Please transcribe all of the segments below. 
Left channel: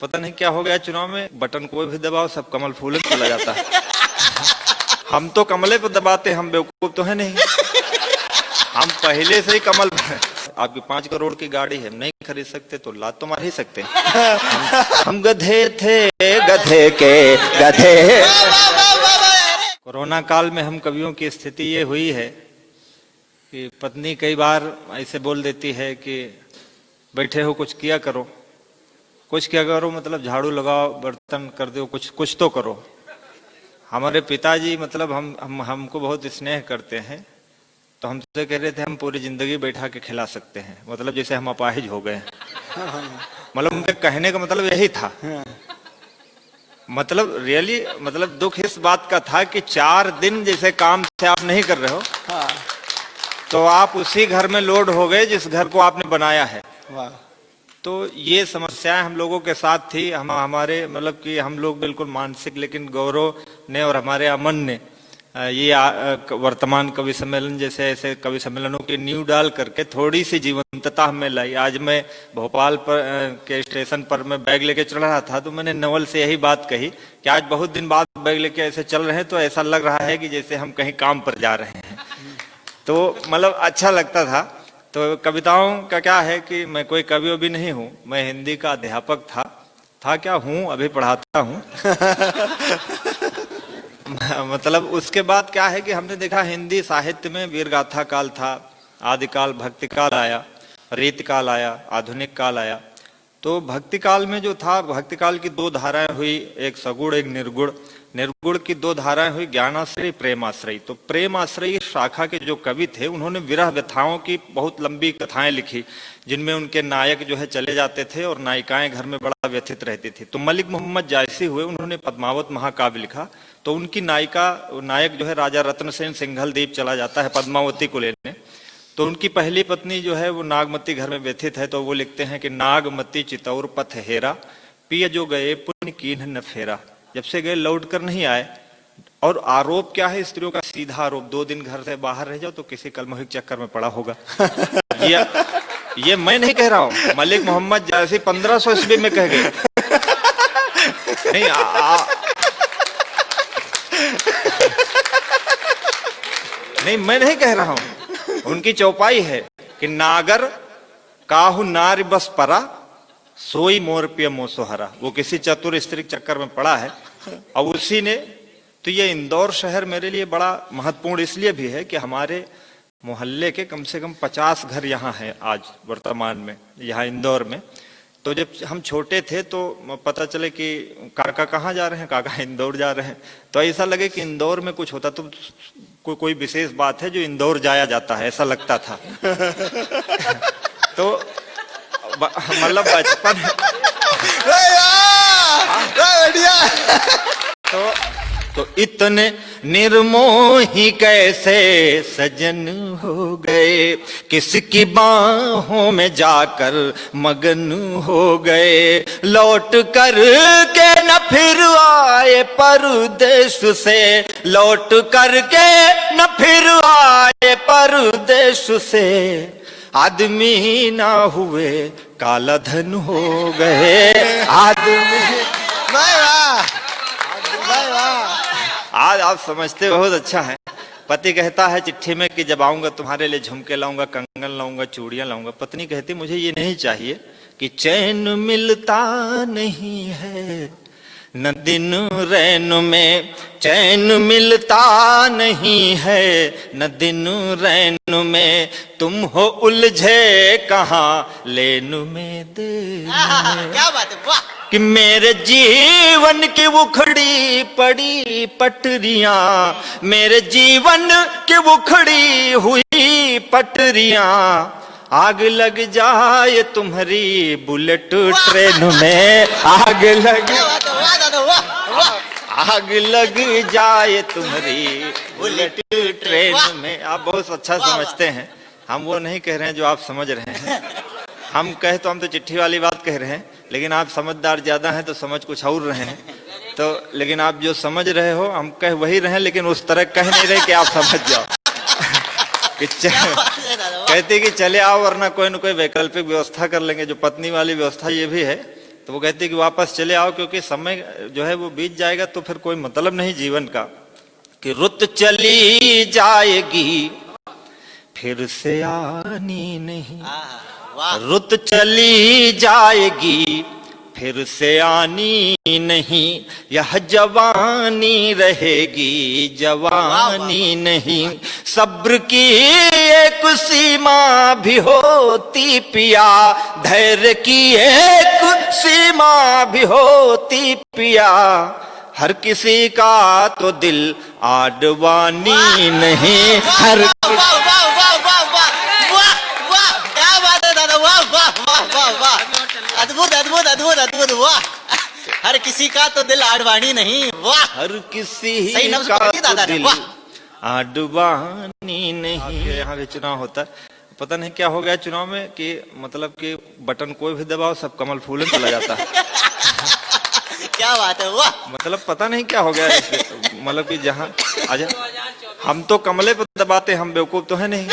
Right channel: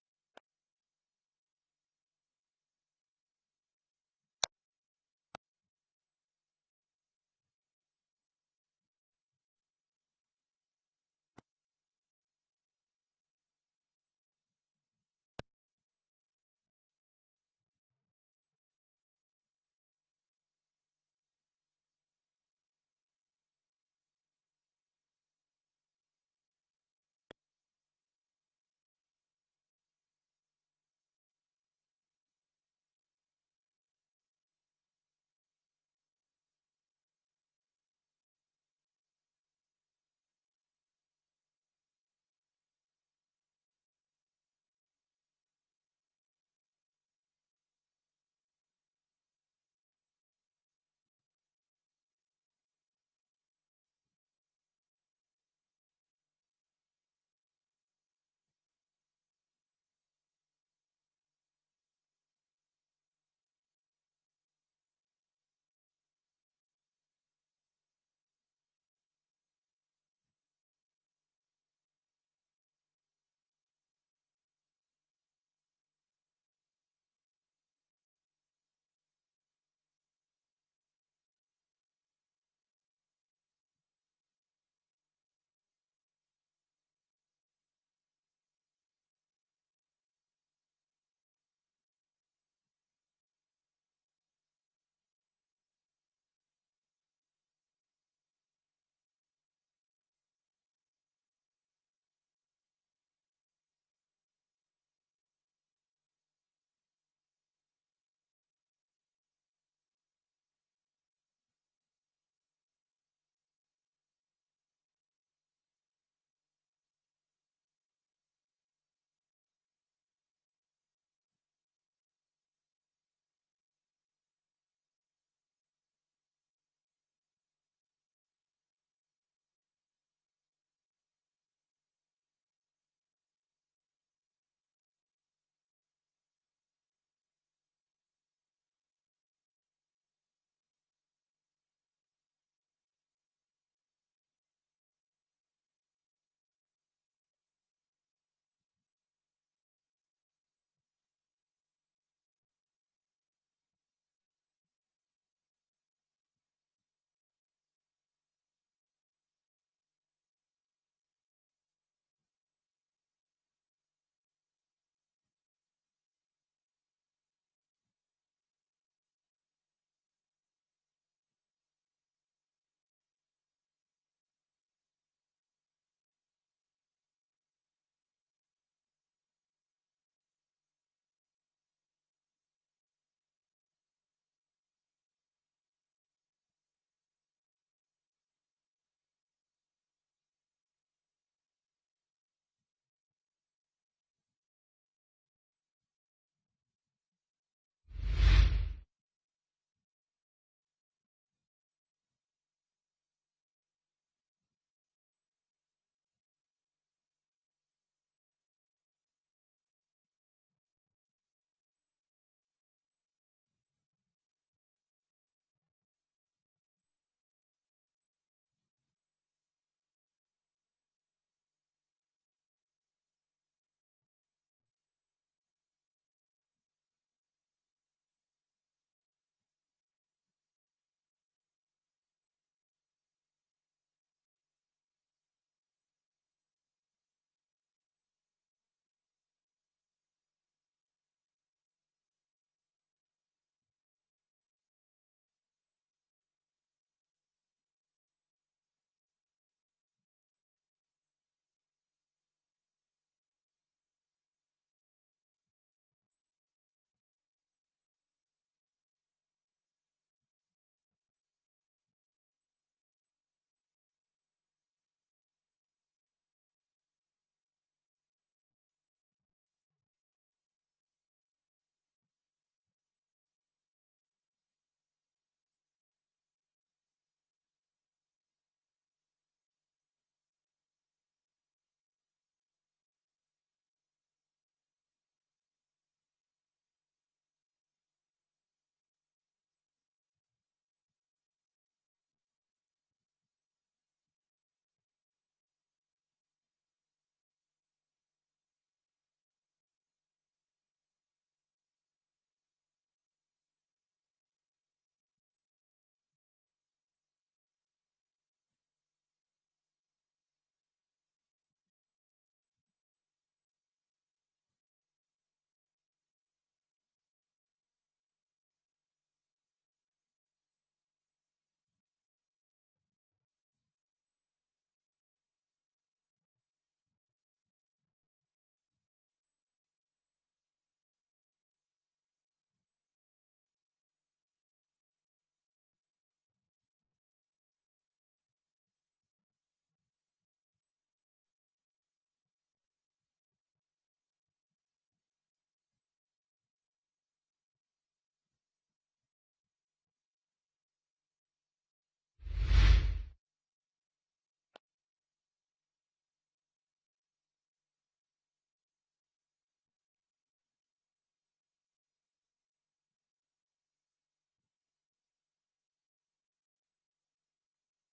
पता नहीं क्या हो गया चुनाव में, बटन कोई भी दबाओ सब कमल फूल चला जाता है। हम तो कमले पर दबाते, हम बेवकूफ तो है नहीं, हम पहले से ही कमल। आपकी 5 करोड़ की गाड़ी है, नहीं खरीद सकते तो लात तो मार ही सकते हैं। हम गधे थे, गधे के गधे। कोरोना काल में हम कवियों की स्थिति ये हुई है कि पत्नी कई बार ऐसे बोल देती है कि बैठे हो कुछ किया करो, कुछ क्या करो मतलब झाड़ू लगाओ, बर्तन कर दो, कुछ तो करो। हमारे पिताजी मतलब हमको बहुत स्नेह करते हैं, तो हमसे कह रहे थे हम पूरी जिंदगी बैठा के खिला सकते हैं, मतलब जैसे हम अपाहिज हो गए। मतलब उनके कहने का मतलब यही था। मतलब रियली मतलब दुख इस बात का था कि 4 दिन जैसे काम से आप नहीं कर रहे हो, तो आप उसी घर में लोड हो गए जिस घर को आपने बनाया है। तो ये समस्याएं हम लोगों के साथ थी। हमारे मतलब कि हम लोग बिल्कुल मानसिक, लेकिन गौरव ने और हमारे अमन ने ये वर्तमान कवि सम्मेलन जैसे ऐसे कवि सम्मेलनों की नींव डाल करके थोड़ी सी जीवंतता हमें लाई। आज मैं भोपाल के स्टेशन पर मैं बैग लेके चल रहा था, तो मैंने नवल से यही बात कही कि आज बहुत दिन बाद बैग लेके ऐसे चल रहे हैं तो ऐसा लग रहा है कि जैसे हम कहीं काम पर जा रहे हैं। तो मतलब अच्छा लगता था। तो कविताओं का क्या है कि मैं कोई कवि भी नहीं हूँ, मैं हिंदी का अध्यापक था क्या हूँ, अभी पढ़ाता हूँ। मतलब उसके बाद क्या है कि हमने देखा हिंदी साहित्य में वीरगाथा काल था, आदिकाल भक्ति काल आया, रीत काल आया, आधुनिक काल आया। तो भक्ति काल में जो था, भक्ति काल की 2 धाराएं हुई, एक सगुण एक निर्गुण। निर्गुण की 2 धाराएं हुई, ज्ञानाश्रयी प्रेमाश्रयी। तो प्रेमाश्रयी शाखा के जो कवि थे उन्होंने विरह व्यथाओं की बहुत लंबी कथाएं लिखी, जिनमें उनके नायक जो है चले जाते थे और नायिकाएं घर में बड़ा व्यथित रहती थी। तो मलिक मोहम्मद जायसी हुए, उन्होंने पद्मावत महाकाव्य लिखा। तो उनकी नायक जो है राजा रत्न सेन सिंघल द्वीप चला जाता है पद्मावती को लेने। तो उनकी पहली पत्नी जो है वो नागमती घर में व्यथित है, तो वो लिखते हैं कि नागमती चितौर पथ हेरा, पिय जो गए पुण्य कीन्ह न फेरा। जब से गए लौट कर नहीं आए। और आरोप क्या है स्त्रियों का, सीधा आरोप, 2 दिन घर से बाहर रह जाओ तो किसी कलमोहिक चक्कर में पड़ा होगा। ये मैं नहीं कह रहा हूं, मलिक मोहम्मद जैसे 1500 ईस्वी में कह गए। नहीं नहीं मैं नहीं कह रहा हूं, उनकी चौपाई है कि नागर काहू नारी बस परा, सोई मोर पिय मोसोहरा। वो किसी चतुर स्त्री चक्कर में पड़ा है और उसी ने। तो ये इंदौर शहर मेरे लिए बड़ा महत्वपूर्ण इसलिए भी है कि हमारे मोहल्ले के कम से कम 50 घर यहाँ हैं आज वर्तमान में, यहाँ इंदौर में। तो जब हम छोटे थे तो पता चले कि काका कहाँ जा रहे हैं, काका इंदौर जा रहे हैं। तो ऐसा लगे कि इंदौर में कुछ होता तो कोई विशेष बात है जो इंदौर जाया जाता है, ऐसा लगता था। तो मतलब बचपन तो इतने निर्मोही कैसे सजन हो गए, किसकी बाहों में जाकर मगन हो गए। लौट कर के न फिर आए परदेश से, लौट कर के न फिर आए परदेश से। आदमी ना हुए काला धन हो गए, आदमी। आज आप समझते बहुत अच्छा है। पति कहता है चिट्ठी में कि जब आऊंगा तुम्हारे लिए झुमके लाऊंगा, कंगन लाऊंगा, चूड़ियां लाऊंगा। पत्नी कहती मुझे ये नहीं चाहिए कि चैन मिलता नहीं है, न दिन रैन में चैन मिलता नहीं है, न दिन रैन में तुम हो उलझे कहाँ लेन में दे। क्या बात है, वाह। कि मेरे जीवन की उखड़ी पड़ी पटरियां, मेरे जीवन की उखड़ी हुई पटरियां, आग लग जाए तुम्हारी बुलेट ट्रेन में, आग लग जाए तुम्हारी बुलेट ट्रेन में। आप बहुत अच्छा समझते हैं, हम वो नहीं कह रहे हैं जो आप समझ रहे हैं। हम तो चिट्ठी वाली बात कह रहे हैं, लेकिन आप समझदार ज्यादा हैं तो समझ कुछ और रहे हैं। तो लेकिन आप जो समझ रहे हो हम कह वही रहे, लेकिन उस तरह कह नहीं रहे कि आप समझ जाओ। कहते कि चले आओ वरना कोई न कोई वैकल्पिक व्यवस्था कर लेंगे। जो पत्नी वाली व्यवस्था ये भी है, तो वो कहती है कि वापस चले आओ, क्योंकि समय जो है वो बीत जाएगा तो फिर कोई मतलब नहीं जीवन का, कि रुत चली जाएगी फिर से आनी नहीं, रुत चली जाएगी फिर से आनी नहीं, यह जवानी रहेगी जवानी नहीं, सब्र की एक सीमा भी होती पिया, धैर्य की एक सीमा भी होती पिया, हर किसी का तो दिल आडवानी नहीं, हर अद्भुत अद्भुत अद्भुत अद्भुत, वाह। हर किसी का तो दिल आडवाणी नहीं, वाह। हर किसी सही नफ्ज का पकड़ी दादा तो ने, दिल वाह। आडवानी नहीं। यहाँ भी चुनाव होता है, पता नहीं क्या हो गया चुनाव में कि मतलब कि बटन कोई भी दबाओ सब कमल फूलन चला जाता है। क्या बात है, वाह। मतलब पता नहीं क्या हो गया मतलब कि जहाँ आजा हम तो कमले पे दबाते, हम बेवकूफ तो है नहीं,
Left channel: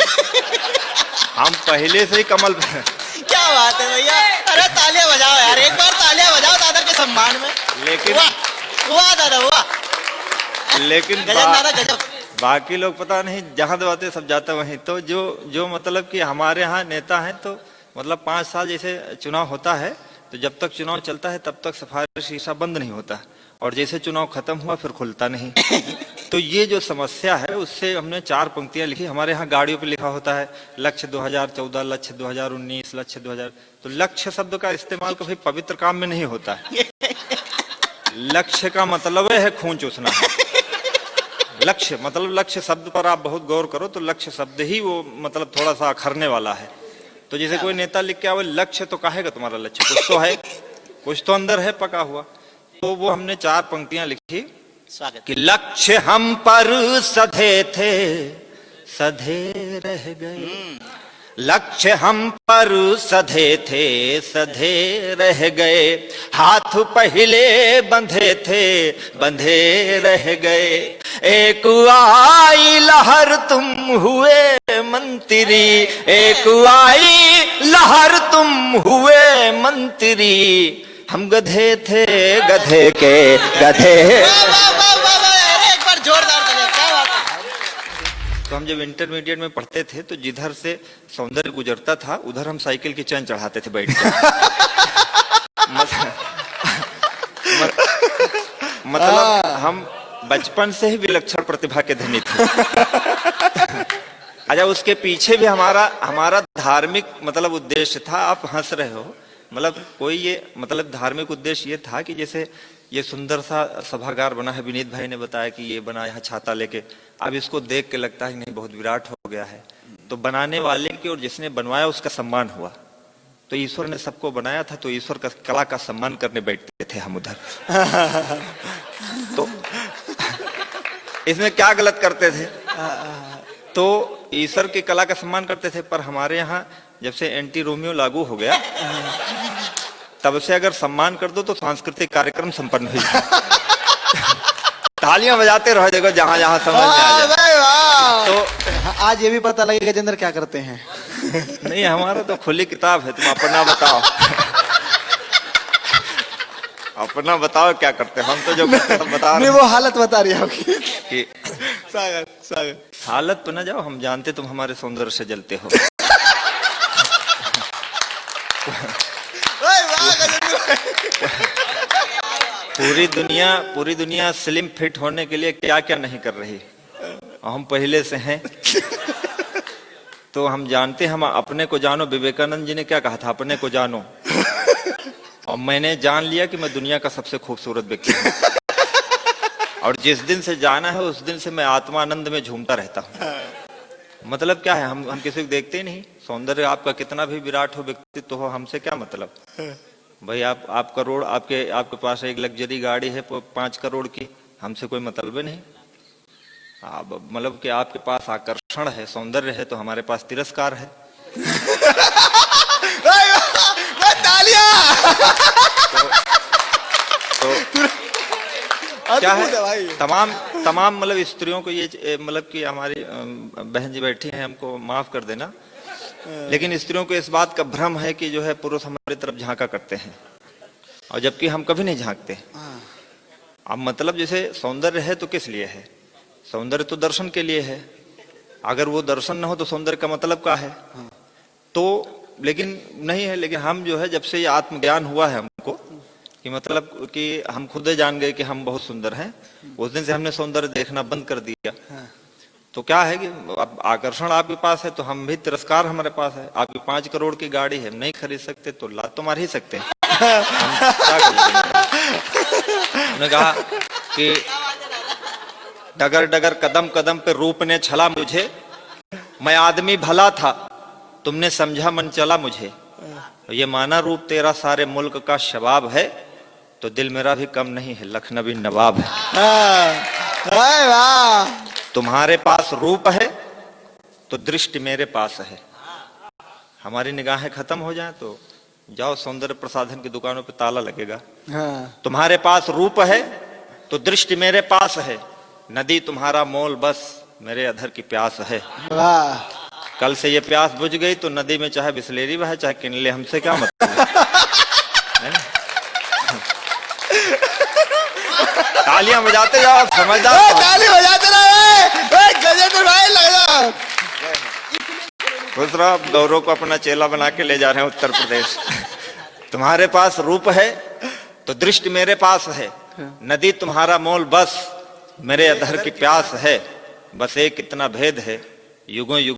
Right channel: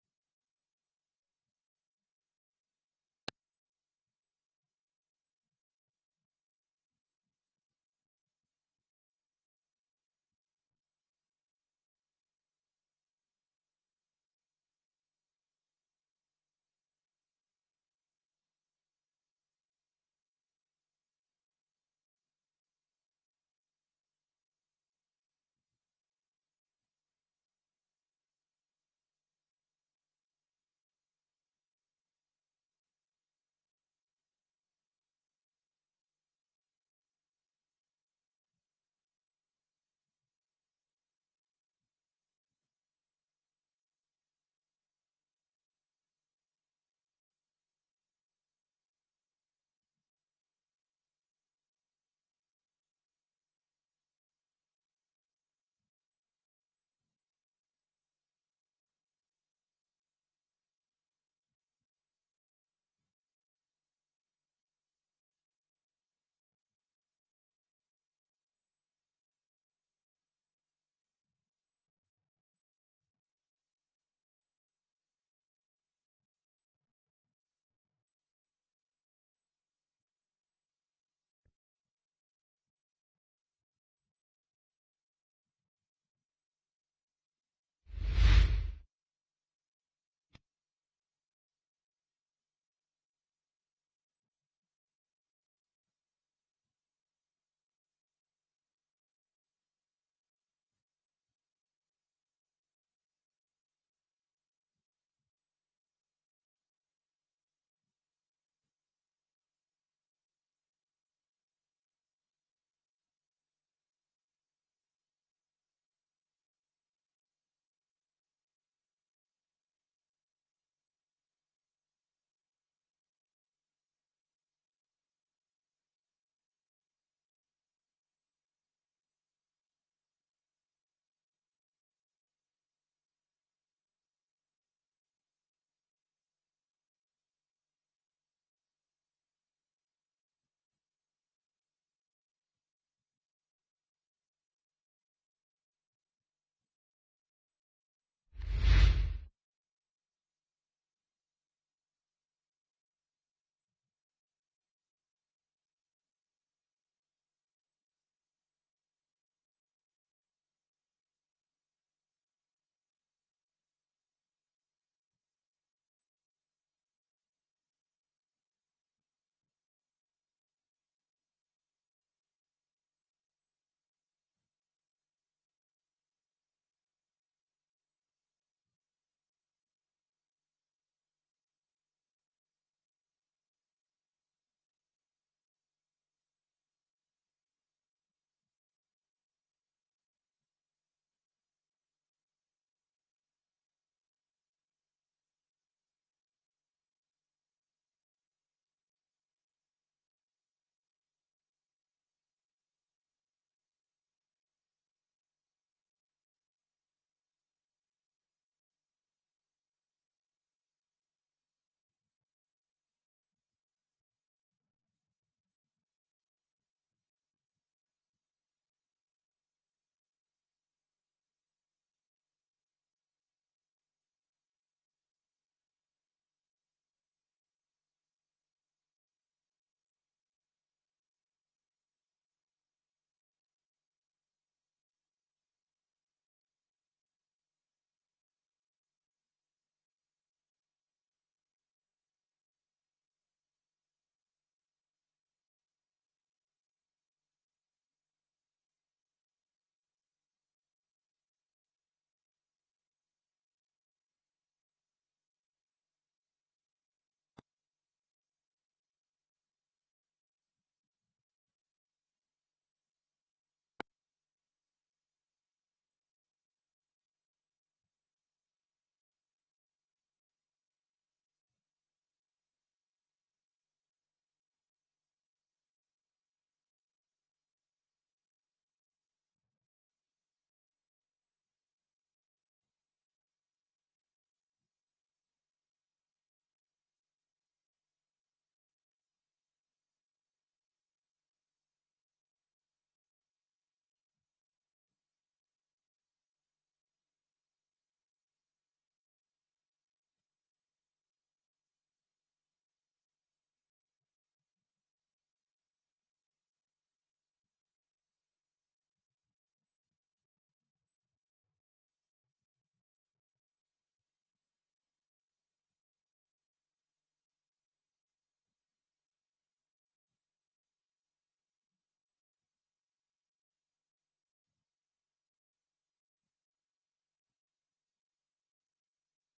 हम पहले से ही कमल पे। क्या बात है भैया, अरे तालियां बजाओ यार, एक बार तालियां बजाओ दादा के सम्मान में। लेकिन वाह वाह दादा वाह, लेकिन गजब दादा गजब। बाकी लोग पता नहीं जहां दबाते सब जाता वहीं। तो जो जो मतलब कि हमारे यहाँ नेता हैं तो मतलब 5 साल जैसे चुनाव होता है तो जब तक चुनाव चलता है तब तक सफारी शीशा बंद नहीं होता, और जैसे चुनाव खत्म हुआ फिर खुलता नहीं। तो ये जो समस्या है उससे हमने 4 पंक्तियां लिखी। हमारे यहाँ गाड़ियों पे लिखा होता है लक्ष्य 2014, लक्ष्य 2019, लक्ष्य 2000। तो लक्ष्य शब्द का इस्तेमाल कभी पवित्र काम में नहीं होता है। लक्ष्य का मतलब है खून चूसना है। लक्ष्य मतलब लक्ष्य शब्द पर आप बहुत गौर करो तो लक्ष्य शब्द ही वो मतलब थोड़ा सा अखरने वाला है। तो जैसे कोई नेता लिख के आवे लक्ष्य, तो कहेगा तुम्हारा लक्ष्य कुछ तो है, कुछ तो अंदर है पका हुआ। तो वो हमने 4 पंक्तियां लिखी स्वागत। कि लक्ष्य हम पर सधे थे सधे रह गए, लक्ष्य हम पर सधे थे सधे रह गए, हाथ पहले बंधे थे बंधे रह गए, एक आई लहर तुम हुए मंत्री, एक आई लहर तुम हुए मंत्री, हम गधे थे गधे के गधे। एक बार जोरदार तालियां, क्या बात है। तो हम जब इंटरमीडिएट में पढ़ते थे तो जिधर से सौंदर्य गुजरता था उधर हम साइकिल की चैन चढ़ाते थे बैठ के। मतलब हम बचपन से ही विलक्षण प्रतिभा के धनी थे। अच्छा, उसके पीछे भी हमारा धार्मिक मतलब उद्देश्य था। आप हंस रहे हो, मतलब कोई ये मतलब धार्मिक उद्देश्य ये था कि जैसे ये सुंदर सा सभागार बना है, विनीत भाई ने बताया कि ये बना यहाँ छाता लेके, अब इसको देख के लगता है नहीं बहुत विराट हो गया है। तो बनाने वाले की और जिसने बनवाया उसका सम्मान हुआ। तो ईश्वर ने सबको बनाया था तो ईश्वर का कला का सम्मान करने बैठते थे हम उधर। तो इसमें क्या गलत करते थे? तो ईश्वर की कला का सम्मान करते थे, पर हमारे यहाँ जब से एंटी रोमियो लागू हो गया तब से अगर सम्मान कर दो तो सांस्कृतिक कार्यक्रम संपन्न हुई। तालियां बजाते रहो देखो जहां जहां समझ में आ जाए। तो आज ये भी पता लगे गजेंद्र क्या करते हैं। नहीं, हमारा तो खुली किताब है, तुम अपना बताओ। अपना बताओ क्या करते हैं, हम तो जो करते हैं बता रहे नहीं, वो हालत बता रही है आपकी। कि स्वागत स्वागत। हालत पे न जाओ, हम जानते तुम हमारे सौंदर्य से जलते हो। पूरी दुनिया स्लिम फिट होने के लिए क्या क्या नहीं कर रही, हम पहले से हैं। तो हम जानते, हम अपने को जानो। विवेकानंद जी ने क्या कहा था, अपने को जानो। और मैंने जान लिया कि मैं दुनिया का सबसे खूबसूरत व्यक्ति हूँ। और जिस दिन से जाना है उस दिन से मैं आत्मानंद में झूमता रहता हूँ। मतलब क्या है, हम किसी को देखते ही नहीं। सौंदर्य आपका कितना भी विराट हो, व्यक्तित्व हो, हमसे क्या मतलब भाई। आप करोड़ आपके पास एक लग्जरी गाड़ी है 5 करोड़ की, हमसे कोई मतलब नहीं। आप मतलब कि आपके पास आकर्षण है, सौंदर्य है, तो हमारे पास तिरस्कार है। तो क्या है, तमाम मतलब स्त्रियों को ये मतलब कि हमारी बहन जी बैठी हैं, हमको माफ कर देना, लेकिन स्त्रियों को इस बात का भ्रम है कि जो है पुरुष हमारी तरफ झांका करते हैं। और जबकि हम कभी नहीं झांकते। अब मतलब जैसे सौंदर्य है तो किस लिए है? सौंदर्य तो दर्शन के लिए है। अगर वो दर्शन ना हो तो सौंदर्य का मतलब क्या है? तो लेकिन नहीं है। लेकिन हम जो है, जब से ये आत्मज्ञान हुआ है हमको कि मतलब कि हम खुद ही जान गए कि हम बहुत सुंदर हैं, उस दिन से हमने सौंदर्य देखना बंद कर दिया। तो क्या है कि अब आकर्षण आपके पास है तो हम भी, तिरस्कार हमारे पास है। आपकी 5 करोड़ की गाड़ी है, नहीं खरीद सकते तो लात तो मार ही सकते हैं। हम क्या करेंगे? उन्होंने कहा कि डगर डगर कदम कदम पे रूप ने छला मुझे, मैं आदमी भला था तुमने समझा मन चला मुझे, ये माना रूप तेरा सारे मुल्क का शबाब है, तो दिल मेरा भी कम नहीं है लखनवी नवाब है। वाह। तुम्हारे पास रूप है तो दृष्टि मेरे पास है। हमारी निगाहें खत्म हो जाए तो जाओ सौंदर्य प्रसाधन की दुकानों पे ताला लगेगा। हाँ। तुम्हारे पास रूप है तो दृष्टि मेरे पास है, नदी तुम्हारा मोल बस मेरे अधर की प्यास है। वाह। कल से ये प्यास बुझ गई तो नदी में चाहे बिस्लेरी बहे चाहे किनले, हमसे क्या मतलब है ना? तालियां बजाते जाओ, समझदार। ताली बजाते रहे। गजेंद्र भाई लग जाओ। खुश रहो। आप गौरव को अपना चेला बना के ले जा रहे हैं उत्तर प्रदेश। तुम्हारे पास रूप है तो दृष्टि मेरे पास है, नदी तुम्हारा मोल बस मेरे अधर की प्यास है, बस एक इतना भेद है युगों युग